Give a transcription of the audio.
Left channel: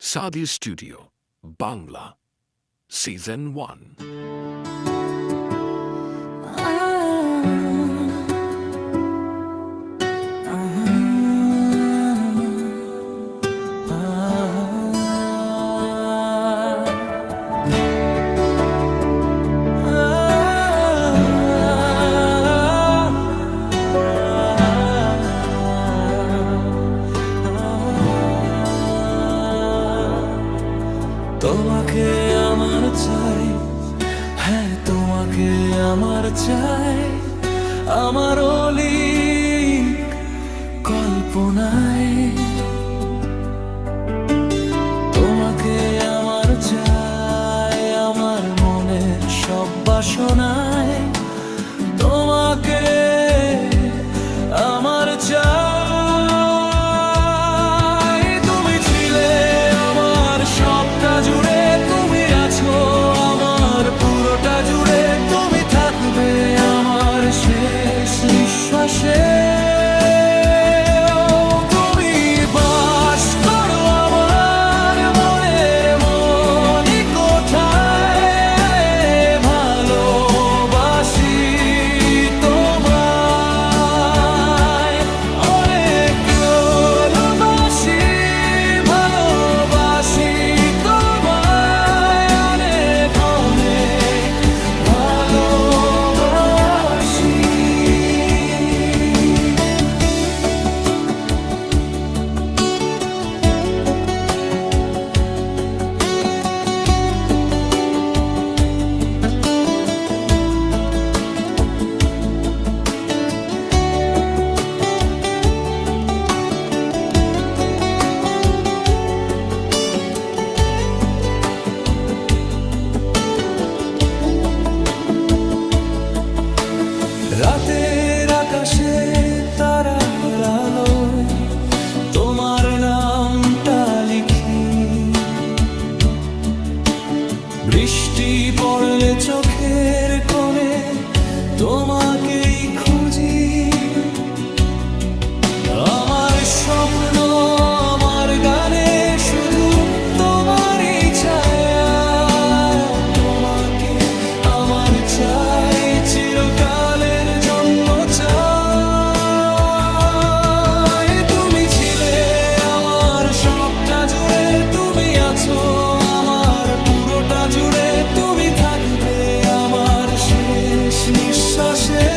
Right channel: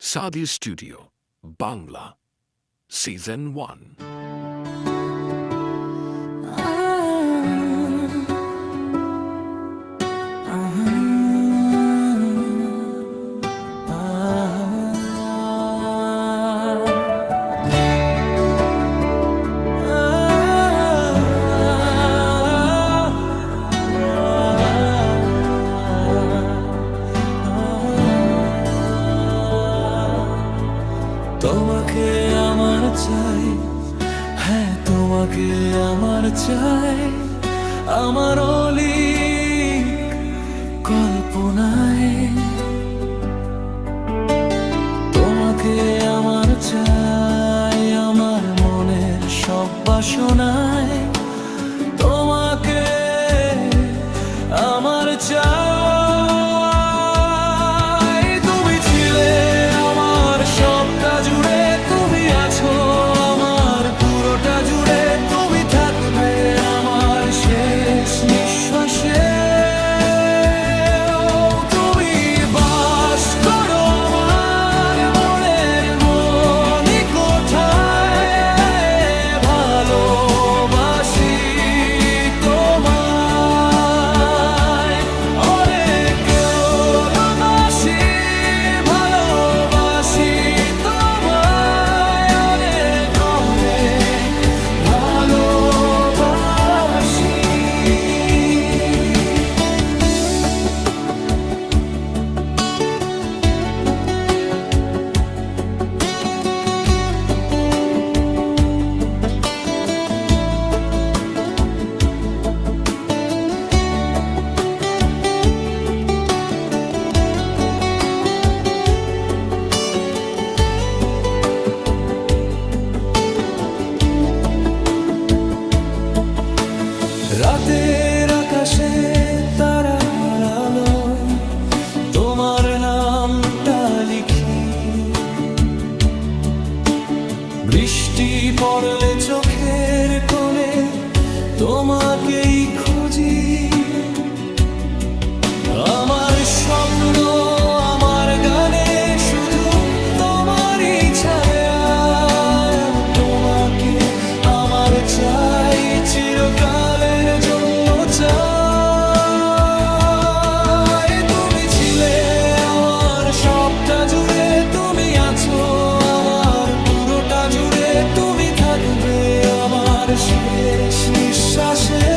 সাদি studio Bangla season 1। তোমাকে আমার চাই, হ্যাঁ তোমাকে আমার চাই, আমার অলিক কল্পনায়। তোমাকে আমার চাই, আমার মনের সব বাসনায়। তোমাকে আমার চাই, তুমি ছিলে আমার সবটা জুড়ে, তুমি আছো আমার পুরোটা জুড়ে, তুমি থাকবে আমার শেষ নিঃশ্বাসে। তুমি বাস করো আমার মনের মনি কোঠায়, ভালোবাসি তোমায় অনেক, ভালোবাসি ভালোবাসি তোমায় অনেক অনেক ভালোবাসি। রাতের আকাশে তারার আলোয় তোমার নামটা লিখি, বৃষ্টি পড়লে চোখের কোণে তোমাকেই খুঁজি। আমার স্বপ্ন আমার গানে শুধু তোমারই ছায়া, তোমাকে আমার চাই চিরকালের জন্য চাই। তুমি ছিলে আমার সবটা জুড়ে, তুমি আছো আমার পুরোটা জুড়ে, তুমি থাকবে আমার শেষ নিঃশ্বাসে।